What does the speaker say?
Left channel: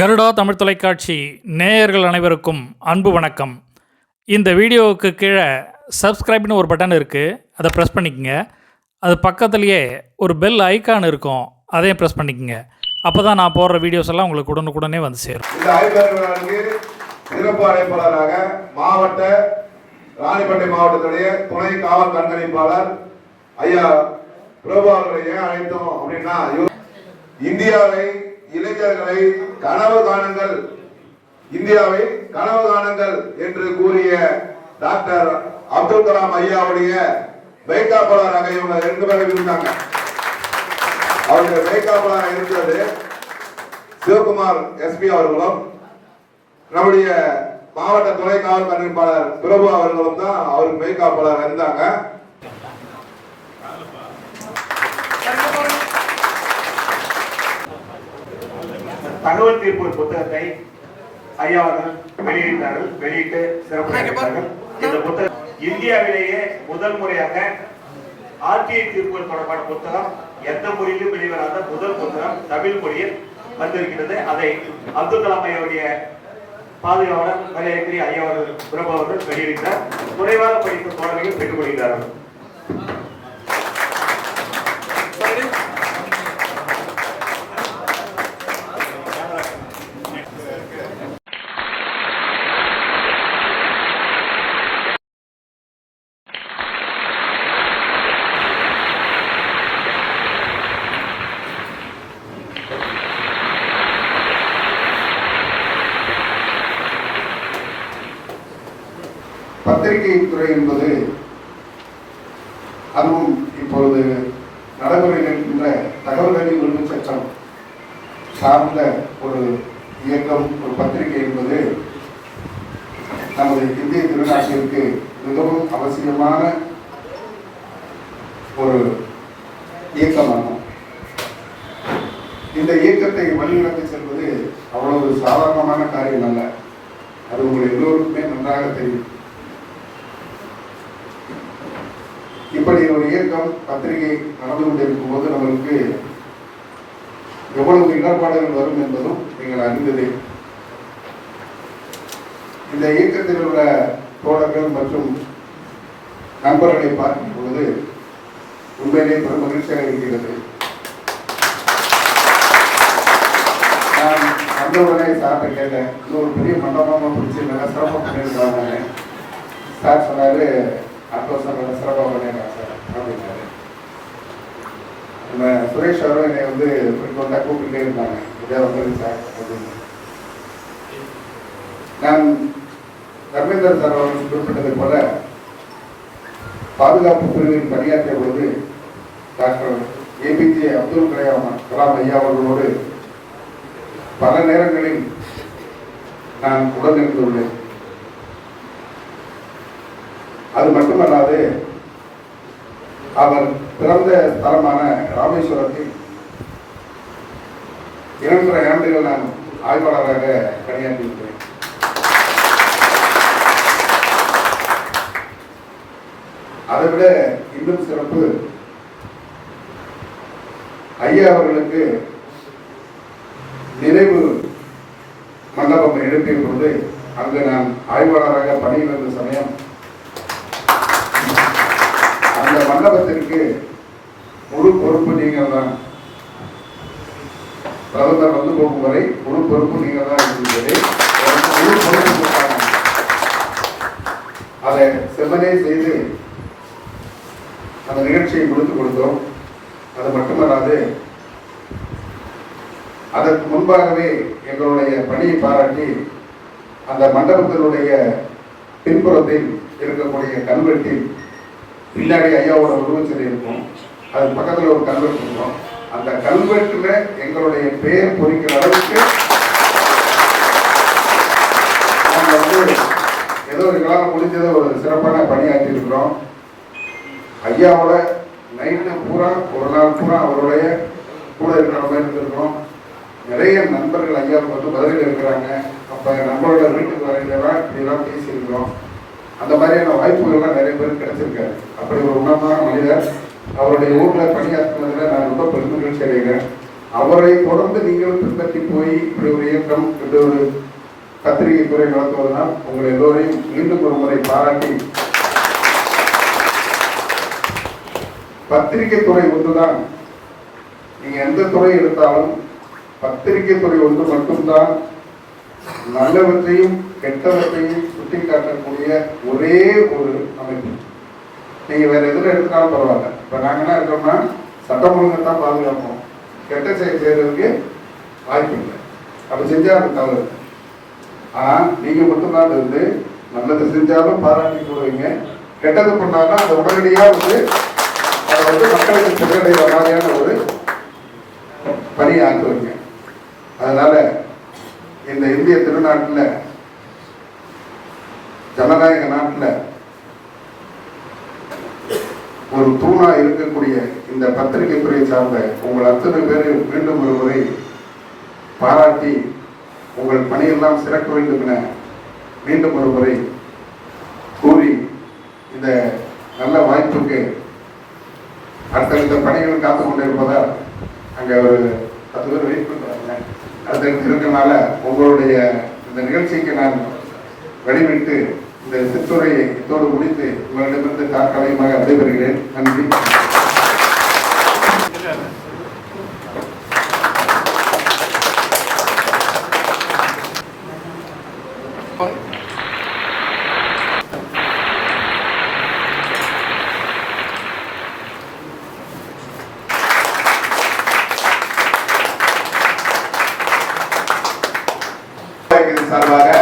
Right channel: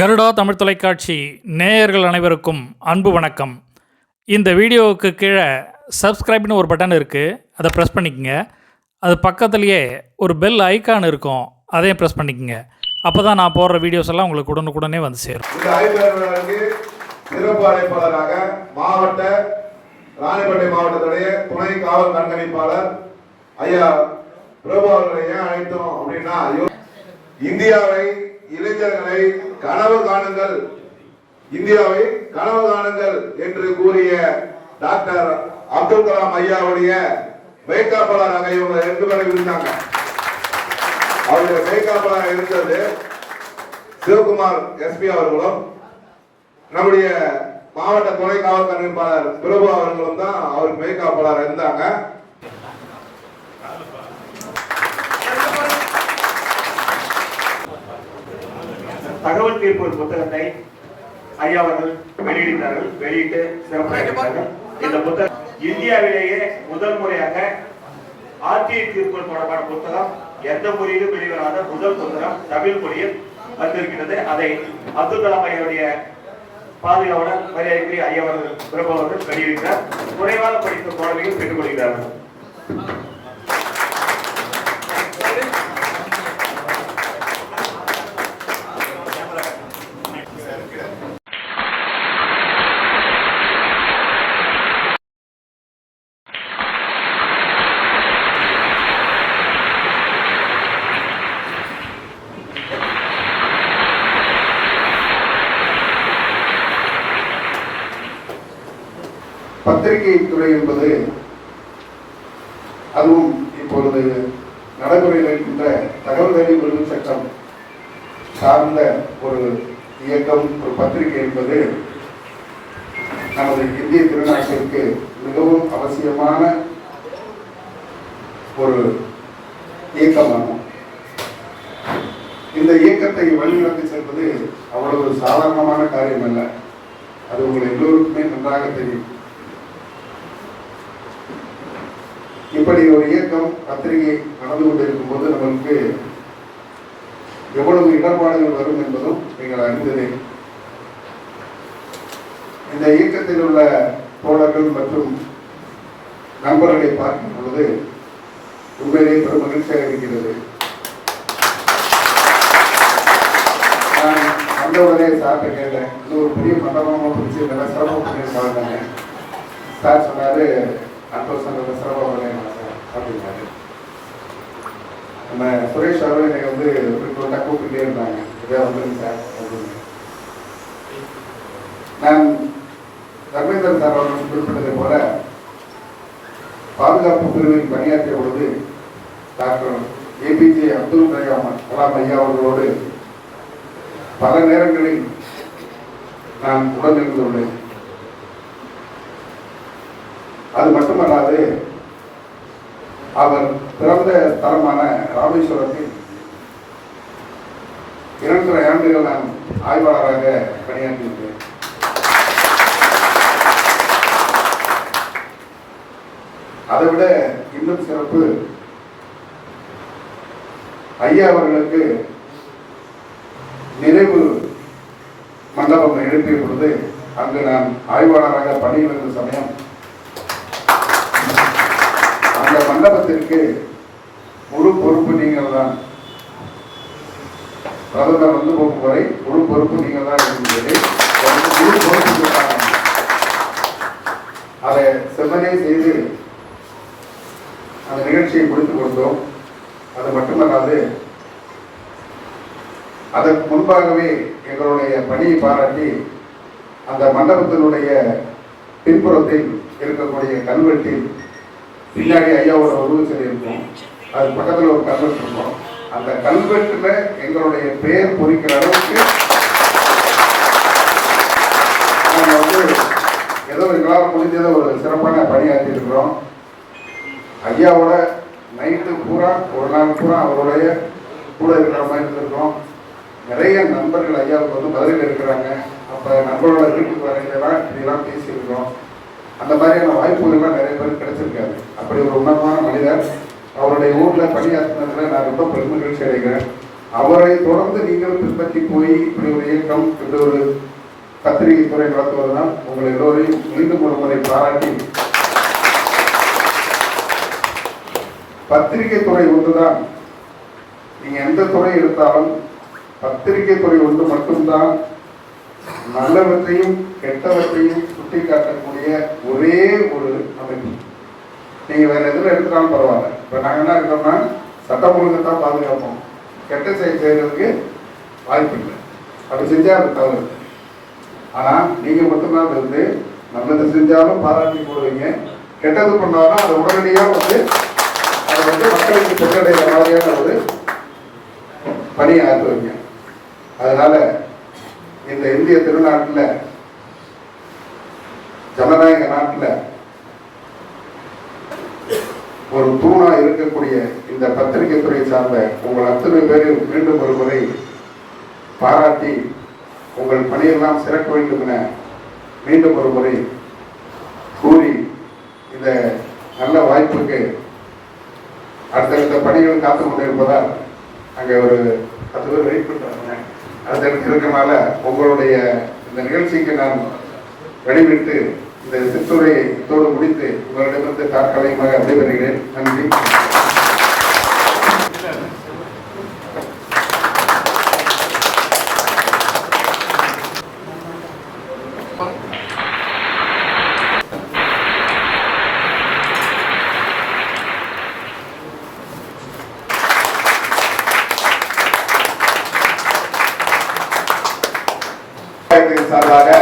கருடா தமிழ் தொலைக்காட்சி நேயர்கள் அனைவருக்கும் அன்பு வணக்கம். இந்த வீடியோவுக்கு கீழே சப்ஸ்கிரைப்னு ஒரு பட்டன் இருக்குது அதை ப்ரெஸ் பண்ணிக்கோங்க. அது பக்கத்துலேயே ஒரு பெல் ஐக்கான் இருக்கும். அதையும் ப்ரெஸ் பண்ணிக்கோங்க. அப்போ தான் நான் போடுற வீடியோஸ் எல்லாம் உங்களுக்கு உடனுக்குடனே வந்து சேரும். சிறப்பு அழைப்பாளராக மாவட்ட ராணிப்பேட்டை மாவட்டத்துடைய துணை காவல் கண்காணிப்பாளர் ஐயா பிரபு அவர்களை ஏன் அழைத்தோம் அப்படின்னா இந்தியாவை இளைஞர்களை கனவு காணுங்கள். இந்தியாவை கனவு காணுங்கள் என்று கூறிய டாக்டர் அப்துல் கலாம் ஐயாவுடைய வைகாப்பாளராக இவங்க ரெண்டு பேரும் இருந்தாங்க. அவருடைய வைகாப்பாளராக இருந்தது சிவகுமார் எஸ்பி அவர்களும் நம்முடைய மாவட்ட துணை காவல் கண்காணிப்பாளர் பிரபு அவர்களும் தான் அவருக்கு மெய்காப்பாளர் இருந்தாங்க. தகவல் தீர்ப்பு புத்தகத்தை ஐயா அவர்கள் வெளியிட்டார்கள் வெளியிட்டு சிறப்பாக இந்த புத்தகம் இந்தியாவிலேயே முதல் முறையாக ஆர்டிஐ தீர்ப்பு தொடர்பான புத்தகம் எந்த மொழியிலும் வெளிவராத முதல் புத்தகம் தமிழ் மொழியில் வந்திருக்கிறது. அதை அப்துல் கலாம் ஐயாவுடைய பாதுகாவலர் மரியாதைக்குரிய ஐயா அவர்கள் பிரபு அவர்கள் வெளியிட்டார். குறைவாக படிக்கும் தோழமைகள் பெற்றுக் கொள்கிறார்கள் பத்திரிகை துறை என்பது அதுவும் இப்பொழுது நடைமுறையில் இருக்கின்ற தகவல் அறிவு உரிமை சட்டம் சார்ந்த ஒரு இயக்கம் ஒரு பத்திரிகை என்பது நமது இந்திய திருநாட்டிற்கு மிகவும் அவசியமான ஒரு இயக்கமாகும். இந்த இயக்கத்தை வழிநடத்தி செல்வது அவ்வளவு சாதாரணமான காரியம் அல்ல. அது உங்கள் எல்லோருக்குமே நன்றாக தெரியும். இப்படி ஒரு இயக்கம் பத்திரிகை நடந்து கொண்டிருக்கும் போது நம்மளுக்கு எவ்வளவு இடர்பாடுகள் வரும் என்பதும் நீங்கள் அறிந்ததே. இந்த இயக்கத்தில் உள்ள தோழர்கள் மற்றும் நண்பர்களை பார்க்கும் பொழுது உண்மையிலே பெரும் மகிழ்ச்சியாக இருக்கிறது. நான் வந்தவுடனே சார்ட்ட கேட்டேன் இது ஒரு பெரிய மண்டபமாக பிடிச்சி நல்லா சிரமம் பண்ணியிருக்காங்க சார் சொன்னாரு அடுத்த வருஷம் சிறப்பாக அப்படின்னாரு நம்ம சுரேஷ் அவரும் என்னை வந்து ஃப்ரீக்வெண்ட்டாக கூப்பிட்டுட்டே இருந்தாங்க இதே வந்துருங்க சார் அப்படின்னு நான் தர்மேந்திரன் சார் அவர்கள் குறிப்பிட்டதை போல பாதுகாப்பு பிரிவில் பணியாற்றிய பொழுது டாக்டர் ஏபிஜே அப்துல் கலாம் கலாம் ஐயா அவர்களோடு பல நேரங்களில் நான் உடனிருந்துள்ளேன் அது மட்டுமல்லாது அவர் பிறந்த தலமான ராமேஸ்வரத்தில் இரண்டரை ஆண்டுகள் நான் ஆய்வாளராக பணியாற்றியிருக்கிறேன் அதை விட இன்னும் சிறப்பு ஐயா அவர்களுக்கு நினைவு மண்டபம் எழுப்பிய பொழுது அங்கு நான் ஆய்வாளராக பணியில் இருந்த சமயம் அந்த முழு பொறுப்பு நீங்கள் தான் பிரதமர் வந்து போகும் வரை முழு பொறுப்பு நீங்கள் தான் இருந்தது முழு பொறுப்பு அதை செம்மனே செய்து அந்த நிகழ்ச்சியை முடித்துக் கொடுத்தோம். அது மட்டுமல்லாது அதற்கு முன்பாகவே எங்களுடைய பணியை பாராட்டி அந்த மண்டபத்தினுடைய பின்புறத்தில் இருக்கக்கூடிய கல்வெட்டில் பின்னாடி ஐயாவோட உருவச்சிலை இருக்கும். அது பக்கத்தில் ஒரு கல்வெட்டு இருக்கும். அந்த கல்வெட்டில் எங்களுடைய பெயர் பொறிக்கிற அளவுக்கு நாங்கள் வந்து ஏதோ எங்களால் முடிஞ்சதை ஒரு சிறப்பான பணியாற்றி இருக்கிறோம் ஐயாவோட நைட்டு பூரா ஒரு நாள் பூரா அவருடைய கூட இருக்கிற மாதிரி இருந்திருக்கிறோம் நிறைய நண்பர்கள் ஐயாவுக்கு வந்து பதில் இருக்கிறாங்க அப்போ நம்மளோட வீட்டுக்கு வரையிலாம் இப்படிலாம் பேசியிருக்கிறோம். அந்த மாதிரியான வாய்ப்புகள்லாம் நிறைய பேர் கிடைச்சிருக்காரு. அப்படி ஒரு உன்னதமான மனிதர். அவருடைய ஊரில் பணியாற்றினதில் நான் ரொம்ப பெருமகிழ்ச்சி அடைகிறேன். அவரை தொடர்ந்து நீங்கள் பின்பற்றி போய் இப்படி ஒரு இயக்கம் இப்படி ஒரு பத்திரிகை துறை நடத்துவதனால் உங்களை எல்லோரையும் மீண்டும் ஒரு முறை பாராட்டி பத்திரிகை துறை ஒன்றுதான். நீங்க எந்த துறை எடுத்தாலும் பத்திரிகை துறை ஒன்று மட்டும்தான். நல்லவற்றையும் கெட்டவற்றையும் சுட்டிக்காட்டக்கூடிய ஒரே ஒரு அமைப்பு. நீங்க வேற எதுல எடுத்தாலும் பரவாயில்ல. இப்ப நாங்க என்ன இருக்கோம்னா சட்டம் ஒழுங்கு தான் பாதுகாப்போம். கெட்ட செயல் செய்யறதுக்கு வாய்ப்பு இல்லை. அப்படி செஞ்சா அது தவறு ஆனா நீங்க மட்டும்தான் இருந்து வந்து நல்லது செஞ்சாலும் பாராட்டி போடுவீங்க. கெட்டது பண்ணாலும் அதை உடனடியா வந்து அதை வந்து மக்களுக்கு சென்றடைகிற மாதிரியான ஒரு பணியை ஆக்குவீங்க. அதனால இந்த இந்திய திருநாட்டில் ஜனநாயக நாட்டில் ஒரு தூணா இருக்கக்கூடிய இந்த பத்திரிகை துறை சார்ந்த உங்கள் அத்தனை பேரையும் மீண்டும் ஒரு முறை பாராட்டி உங்கள் பணியெல்லாம் சிறக்க வேண்டும் என மீண்டும் ஒரு முறை கூறி இந்த நல்ல வாய்ப்புக்கு அடுத்தடுத்த பணிகள் காத்து கொண்டிருப்பதால் அங்கே ஒரு பத்து பேர் வெயிட் பண்ணுறாங்க அடுத்தடுத்து இருக்கனால உங்களுடைய இந்த நிகழ்ச்சிக்கு நான் வழிவிட்டு இந்த சிற்றுரையை இத்தோடு முடித்து உங்களிடமிருந்து தற்காலிகமாக விடைபெறுகிறேன். நன்றி. சார்பாக